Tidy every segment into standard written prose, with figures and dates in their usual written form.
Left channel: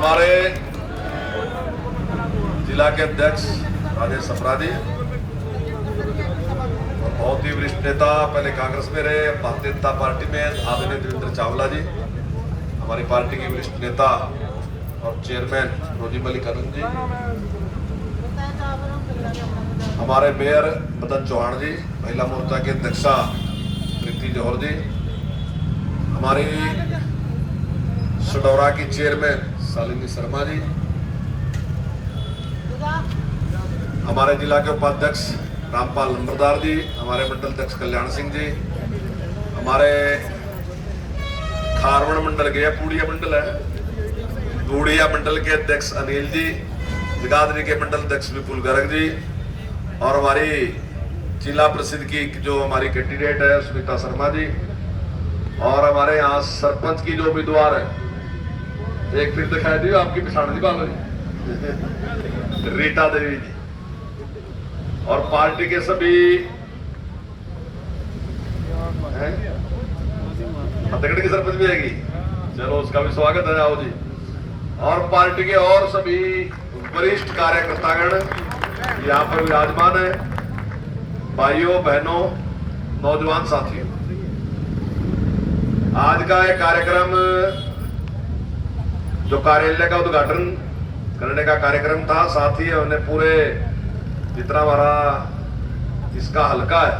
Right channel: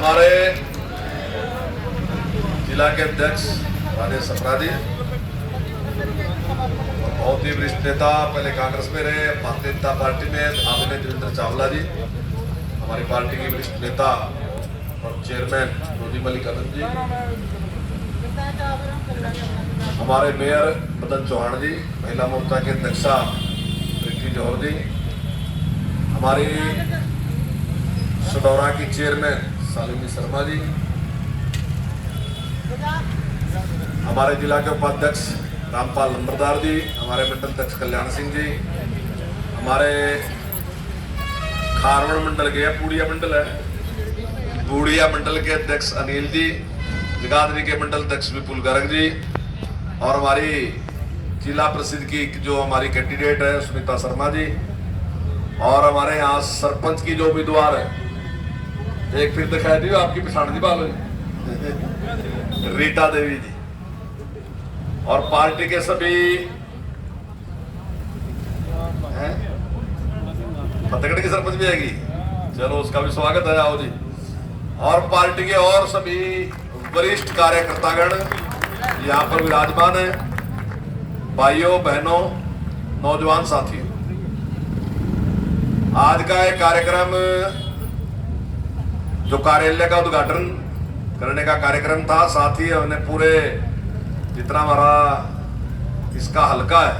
हमारे जिला के अध्यक्ष राजेश सप्रा जी, बहुत ही वरिष्ठ नेता, पहले कांग्रेस में रहे, भारतीय जनता पार्टी में, आदरणीय देवेंद्र चावला जी, हमारी पार्टी की वरिष्ठ नेता और चेयरमैन रोजी मलिकानंद जी, हमारे मेयर मदन चौहान जी, महिला मोर्चा के अध्यक्षा प्रीति जौहर जी, हमारी सडौरा की चेयरमैन शालिनी शर्मा जी, हमारे जिला के उपाध्यक्ष रामपाल नंबरदार जी, हमारे मंडल अध्यक्ष कल्याण सिंह जी, हमारे खारवण मंडल के पूड़िया मंडल है, पूड़िया मंडल के अध्यक्ष अनिल जी, जगाधरी के मंडल अध्यक्ष विपुल गर्ग जी, और हमारी जिला परिषद की जो हमारी कैंडिडेट है सुनीता शर्मा जी, और हमारे यहाँ सरपंच की जो उम्मीदवार है, एक फिर दिखाई दी आपकी पिछाड़ जी बाबा जी रीटा देवी जी, और पार्टी के सभी फतेहगढ़ की सरपंच भी आएगी, चलो उसका भी स्वागत है, आओ जी, और पार्टी के और सभी वरिष्ठ कार्यकर्तागण यहाँ पर विराजमान है, भाइयों बहनों नौजवान साथियों। आज का एक कार्यक्रम जो कार्यालय का उद्घाटन करने का कार्यक्रम था, साथ ही हमने पूरे जितना हमारा इसका हलका है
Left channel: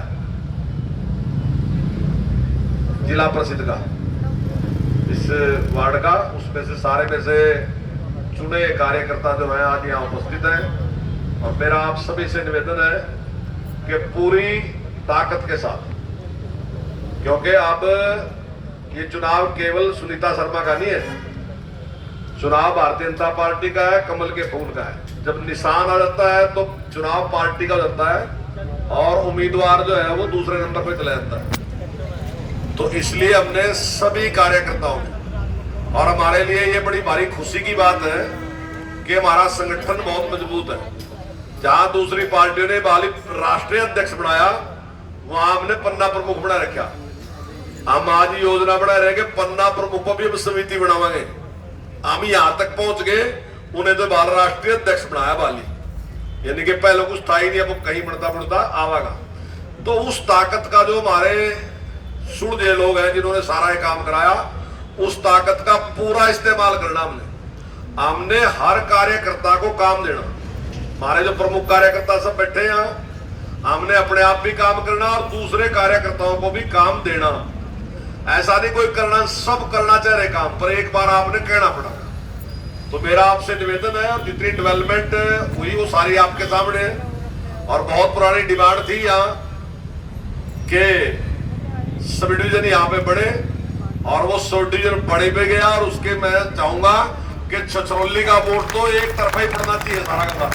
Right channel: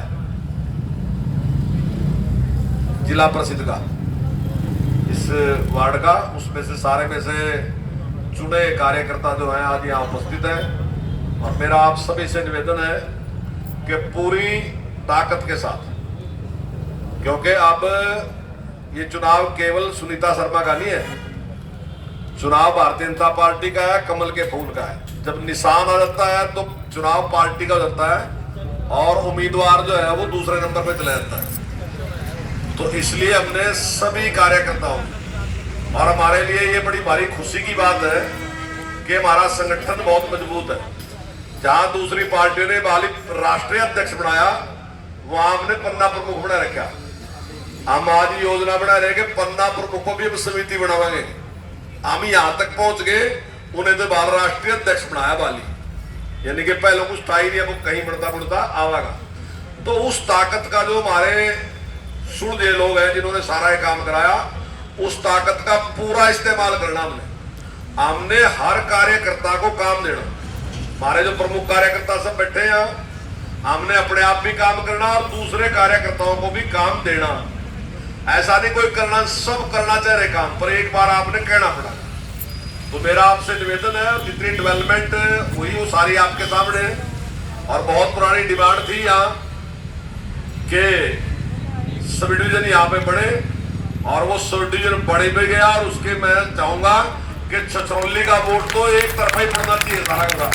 जिला परिषद का, इस वार्ड का, उसमें से सारे में से चुने कार्यकर्ता जो है आज यहाँ उपस्थित हैं, और मेरा आप सभी से निवेदन है कि पूरी ताकत के साथ, क्योंकि अब ये चुनाव केवल सुनीता शर्मा का नहीं है, चुनाव भारतीय जनता पार्टी का है, कमल के फूल का है। जब निशान आ जाता है तो चुनाव पार्टी का हो जाता है और उम्मीदवार जो है वो दूसरे नंबर पर चला जाता है। तो इसलिए हमने सभी कार्यकर्ताओं, और हमारे लिए ये बड़ी भारी खुशी की बात है कि हमारा संगठन बहुत मजबूत है। जहां दूसरी पार्टियों ने बालिक राष्ट्रीय अध्यक्ष बनाया, वहां हमने पन्ना प्रमुख बना रखा। हम आज योजना बना रहे कि पन्ना प्रमुखों भी हम समिति बनावांगे। हम यहां तक पहुंच गए, उन्हें तो बाल राष्ट्रीय अध्यक्ष बनाया बाली, यानी कि पहले कुछ था ही नहीं, अब कहीं बढ़ता बढ़ता आवागा। तो उस ताकत का जो हमारे सुलझे लोग हैं जिन्होंने सारा ये काम कराया, उस ताकत का पूरा इस्तेमाल करना हमने हर कार्यकर्ता को काम देना। हमारे जो प्रमुख कार्यकर्ता सब बैठे हैं, हमने अपने आप भी काम करना और दूसरे कार्यकर्ताओं को भी काम देना। ऐसा नहीं कोई करना, सब करना चाह रहे काम, पर एक बार आपने कहना पड़ा। तो मेरा आपसे निवेदन है, जितनी डेवलपमेंट हुई वो सारी आपके सामने, और बहुत पुरानी डिमांड थी यहाँ के सब डिवीजन यहाँ पे बढ़े, और वो सब डिवीजन बड़े पे गया, और उसके मैं चाहूंगा कि छछरौली का वोट तो एक तरफा ही पड़ना चाहिए सारा का।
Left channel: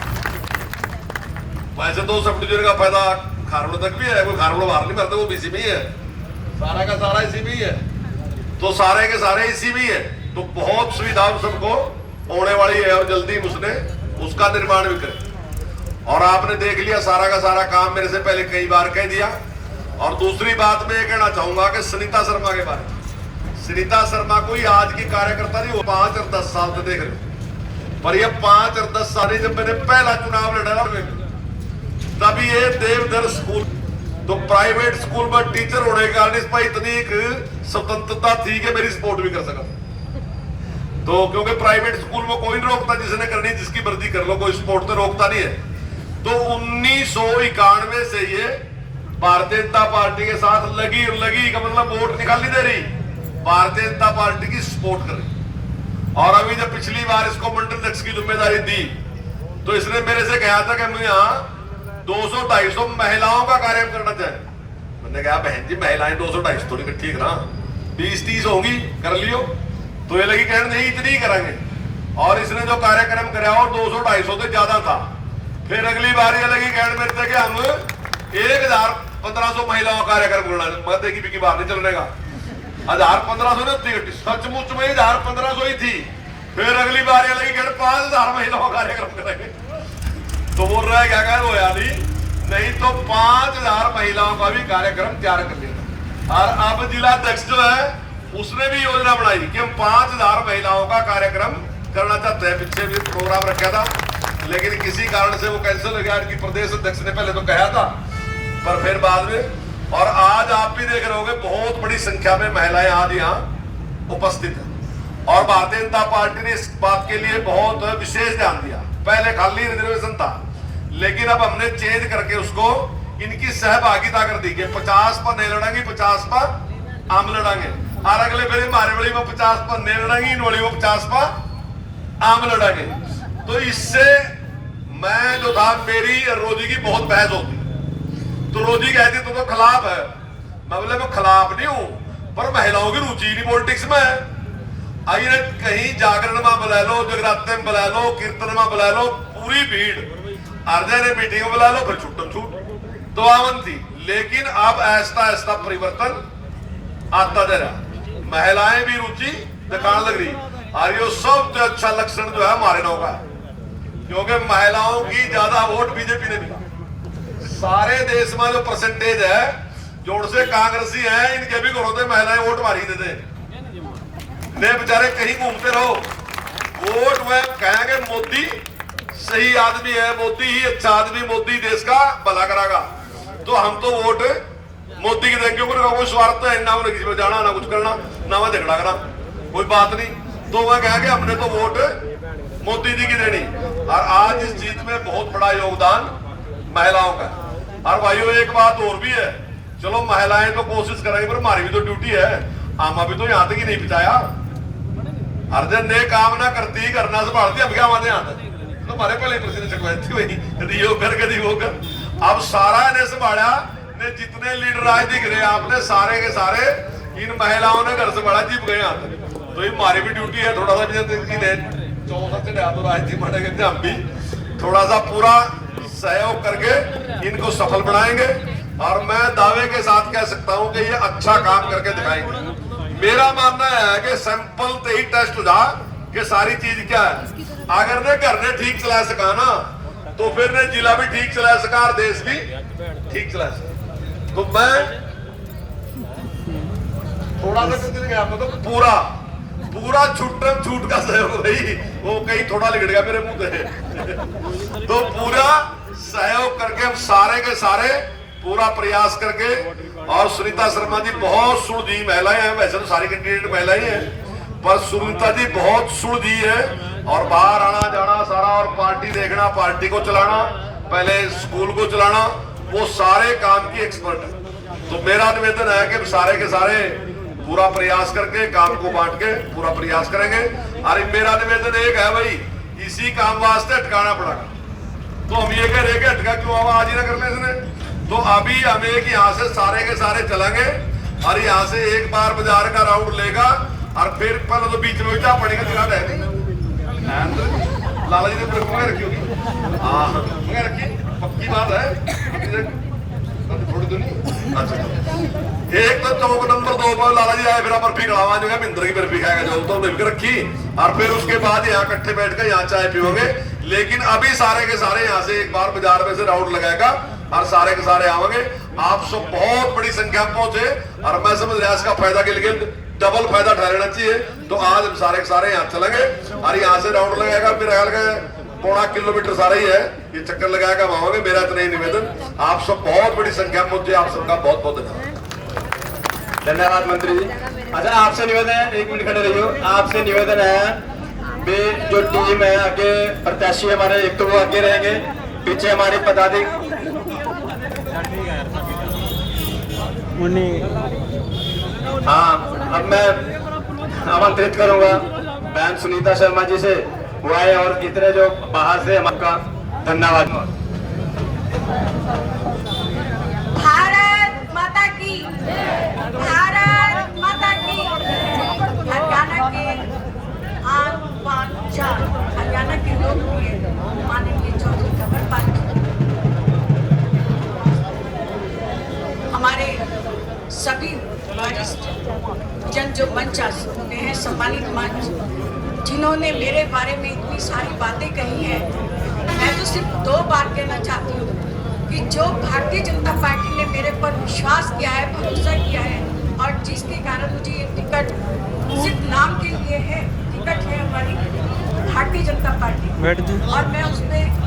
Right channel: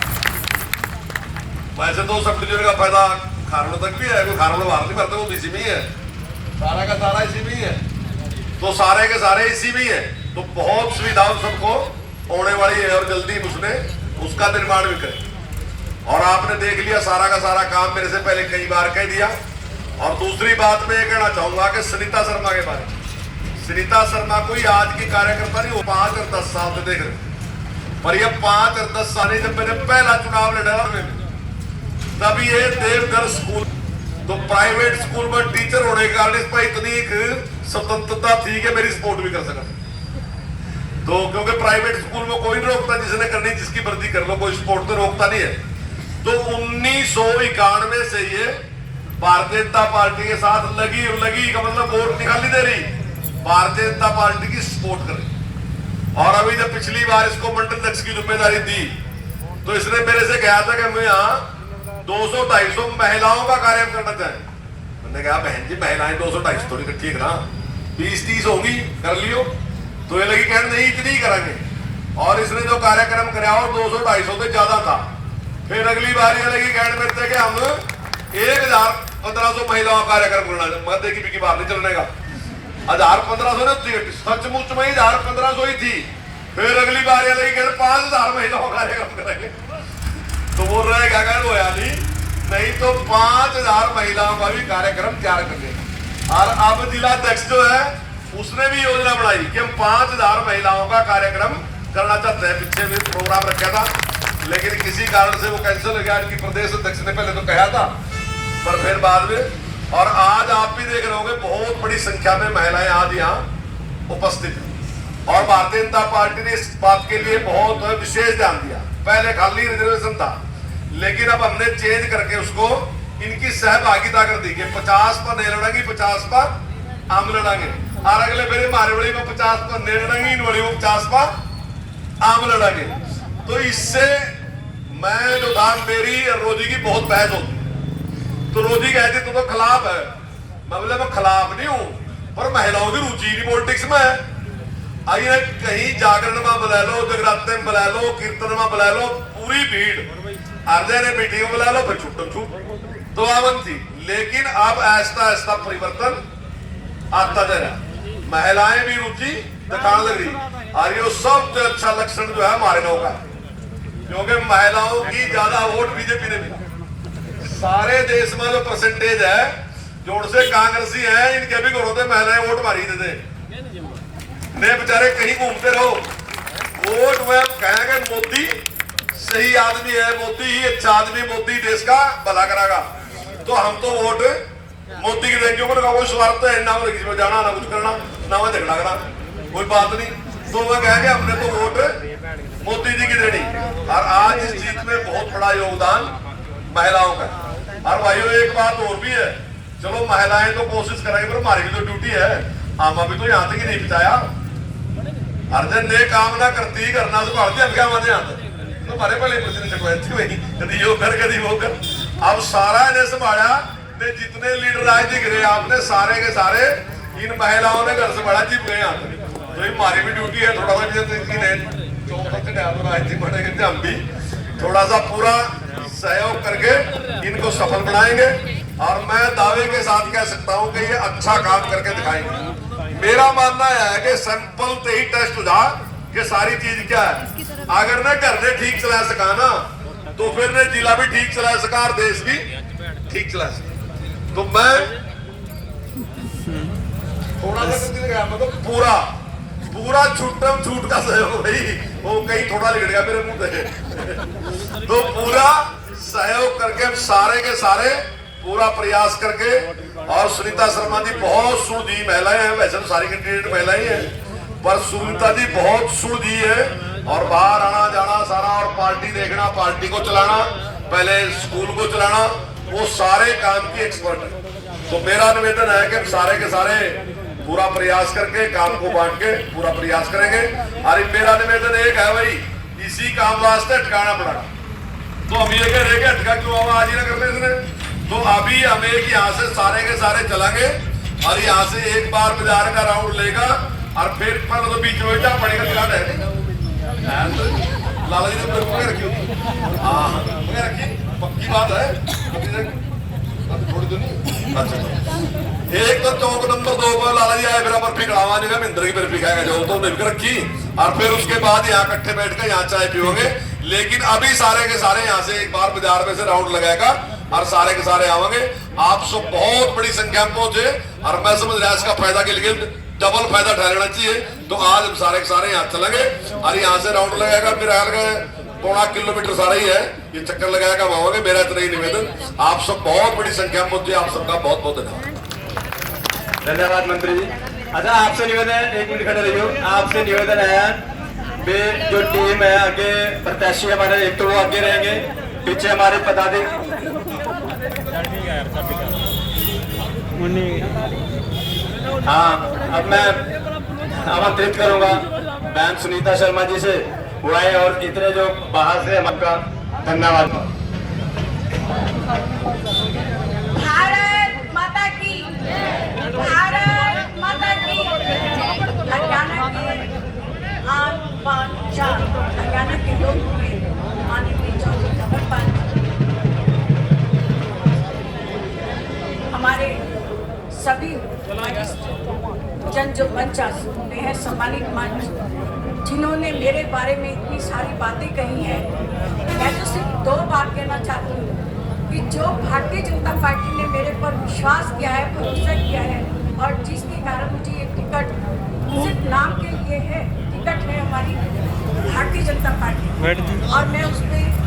वैसे तो सब डिवीजन का फायदा खारवड़ तक भी है, कोई खारवड़ बाहर नहीं करता, वो इसी में ही है, सारा का सारा इसी में ही है, तो सारे के सारे इसी में ही है। तो बहुत सुविधा सबको होने वाली है, और जल्दी उसने उसका निर्माण भी करे। और आपने देख लिया सारा का सारा काम मेरे से पहले कई बार कह दिया। और दूसरी बात मैं ये कहना चाहूंगा कि सुनीता शर्मा के बारे में, सुनीता शर्मा कोई आज की कार्यकर्ता नहीं, वो 5 और 10 साल से देख रहे, पर ये 5 और 10 साल जब मैंने पहला चुनाव लड़ा तभी ये देवघर स्कूल, तो प्राइवेट स्कूल में टीचर होने के कारण इस पर इतनी एक स्वतंत्रता थी कि मेरी सपोर्ट भी कर सका। तो क्योंकि प्राइवेट स्कूल में कोई नहीं रोकता, जिसने करनी जिसकी मर्जी कर लो, कोई सपोर्ट तो रोकता नहीं है। तो 1991 से ये भारतीय जनता पार्टी के साथ लगी का मतलब वोट निकाली दे रही, भारतीय जनता पार्टी की सपोर्ट कर रही। और अभी जब पिछली बार इसको मंडल अध्यक्ष की जिम्मेदारी दी, तो इसने मेरे से कहा था कि मैं यहाँ 200-250 महिलाओं का कार्य करना चाहे। मैंने कहा बहन जी महिलाएं 200-250 थोड़ी इकट्ठी करा, 20-30 होंगी कर लियो। तो ये लगी कहने नहीं इतनी ही करेंगे, और इसने जो कार्यक्रम कराया वो 200-250 से ज्यादा था। फिर अगली बार ये लगी कहने में थे कि हम 1,000-1,500 महिलाओं का कार्यक्रम करना, मत देखी बिकी बाहर नहीं चलने का, 1,000-1,500 नहीं थी, सचमुच में 1,000-1,500 ही थी। फिर अगली बार ये लगी कहने 5,000 महिलाओं का कार्यक्रम करेंगे। तो बोल रहा है क्या कह वो यानी नहीं तो 5,000 महिलाओं का भी कार्यक्रम तैयार कर लेगा। और अब जिला अध्यक्ष जो है उसने भी योजना बनाई कि हम 5,000 महिलाओं का कार्यक्रम करना चाहते हैं। पीछे भी प्रोग्राम रखा था, लेकिन किसी कारण से वो कैंसिल हो गया। इनकी प्रदेश अध्यक्ष ने पहले तो कहा था, पर फिर बाद में। और आज आप भी देख रहे होंगे बहुत बड़ी संख्या में महिलाएं आज यहाँ उपस्थित हैं। और भारतीय जनता पार्टी ने इस बात के लिए बहुत विशेष ध्यान दिया। पहले खाली रिजर्वेशन था, लेकिन अब हमने चेंज करके उसको इनकी सहभागिता कर दी कि 50 पर नहीं लड़ेंगे, 50 पर हम लड़ेंगे। और अगले मेरे मारवाड़ी में 50 पर नहीं लड़ेंगे, इन वाली में 50 पर आम लड़ेंगे। तो इससे मैं जो था, मेरी रोजी की बहुत बहस होती, तो रोजी कहती तो खिलाफ है। मैं बोला मैं खिलाफ नहीं हूं, पर महिलाओं की रुचि नहीं पॉलिटिक्स में है। आइए कहीं जागरण में बुला लो, जगराते में बुला लो, कीर्तन में बुला लो, पूरी भीड़। अर्जय ने मीटिंग में बुला लो, फिर छूटम छूट तो आवन थी। लेकिन अब ऐसा ऐसा परिवर्तन आता जा रहा है, महिलाएं भी रुचि दिखाने लग रही। और ये सबसे अच्छा लक्षण जो है हमारे नौ का है, क्योंकि महिलाओं की ज्यादा वोट बीजेपी ने मिला। सारे देश में जो परसेंटेज है, जोड़ से कांग्रेसी है, इनके भी घरों से महिलाएं वोट मारी देते। बेचारे कहीं घूमते रहो, वोट में कहेंगे मोदी सही आदमी है, मोदी ही अच्छा आदमी, मोदी देश का भला करागा। तो हम तो वोट मोदी की देंगे, कोई स्वार्थ तो है ना, किसी में जाना ना कुछ करना, ना मैं झगड़ा करा, कोई बात नहीं। तो मैं कहेंगे हमने तो वोट मोदी जी की देनी। और आज इस जीत में बहुत बड़ा योगदान महिलाओं का। और भाइयों एक बात और भी है, चलो महिलाएं तो कोशिश करेंगे, पर हमारी भी तो ड्यूटी है। हम अभी तो यहाँ तक ही नहीं बिताया। अर्जन ने काम ना करती करना संभालती, अब क्या माने आते तुम्हारे पहले कभी यो कर कभी वो कर। अब सारा ने संभाला ने, जितने लीडर आए दिख रहे आपने सारे के सारे इन महिलाओं ने घर से बड़ा जीप गए यहाँ तक। तो ये हमारी भी ड्यूटी है, थोड़ा सा हम भी थोड़ा सा पूरा सहयोग करके इनको सफल बनाएंगे। और मैं दावे के साथ कह सकता हूं कि ये अच्छा काम करके दिखाएंगे। मेरा मानना है कि सैंपल से ही टेस्ट हो जा कि सारी चीज क्या है। अगर ने घर ने ठीक चला सका ना, तो फिर ने जिला भी ठीक चला सका और देश भी ठीक चला सका। तो मैं थोड़ा सा मतलब पूरा छूट का सहयोग भाई, वो कहीं थोड़ा लिख गया मेरे मुंह से। तो पूरा सहयोग करके सारे के सारे पूरा प्रयास करके। और सुनीता शर्मा जी बहुत सुलझी महिलाएं हैं, वैसे तो सारी कैंडिडेट महिलाएं हैं, पर सुनीता जी बहुत सुलझी है। और बाहर आना जाना सारा, और पार्टी देखना, पार्टी को चलाना, पहले स्कूल को चलाना, वो सारे काम की एक्सपर्ट है। तो मेरा निवेदन है कि सारे के सारे पूरा प्रयास करके काम को बांट के पूरा प्रयास करेंगे। और मेरा निवेदन एक है भाई, इसी काम वास्ते अटकाना पड़ा। तो हम ये कह रहे कि अटका क्यों आवाज ही ना करते इसने। तो अभी हमें यहाँ से सारे के सारे चलेंगे, और यहाँ से एक बार बाजार का राउंड लेगा, और फिर पहले तो बीच में जा पड़ेगा दिला रहने। लाला जी ने रखी होगी, हाँ रखी, पक्की बात है, थोड़ी दूर नहीं। अच्छा एक तो चौक नंबर 2 पर लाला जी आए, फिर बर्फी खिलावा जो है मिंद्र की बर्फी खाएगा, जो तो मिलकर रखी। और फिर उसके बाद यहाँ इकट्ठे बैठ के यहाँ चाय पियोगे। लेकिन अभी सारे के सारे यहाँ से एक बार बाजार में से राउंड लगाएगा, और सारे के सारे आवेंगे। आप सब बहुत बड़ी संख्या में पहुंचे, और मैं समझ रहा इसका फायदा के लिए डबल फायदा ठहरना चाहिए। तो आज हम सारे के सारे यहाँ चलेंगे, और यहाँ से राउंड लगाएगा, मेरा ख्याल का 1.5 किलोमीटर सारा ही है, ये चक्कर लगाएगा वहां। मेरा इतना ही निवेदन, आप सब बहुत बड़ी संख्या में पहुंचे, आप सबका बहुत बहुत धन्यवाद। धन्यवाद मंत्री जी। अच्छा आपसे निवेदन है, 1 मिनट खड़े रहिए। आपसे निवेदन है जो टीम है आगे प्रत्याशी हमारे, एक तो वो आगे रहेंगे, पीछे हमारे पदाधिकारी। हाँ अब मैं आमंत्रित करूंगा बहन सुनीता शर्मा जी से, वो आए, और इतने जो बाहर से हमारा धन्यवाद। भारत माता की, भारत माता की। हरियाणा के हरियाणा के लोग माननीय चौधरी कमल पाल हमारे सभी वरिष्ठ जन जो मंच सुनते हैं, सम्मानित मंच, जिन्होंने मेरे बारे में इतनी सारी बातें कही हैं। मैं तो सिर्फ 2 बात कहना चाहती हूँ कि जो भारतीय जनता पार्टी ने मेरे पर विश्वास किया है, भरोसा किया है, और जिसके कारण मुझे ये टिकट सिर्फ नाम के लिए है, टिकट है हमारी बैठ जी। और मैं उस पर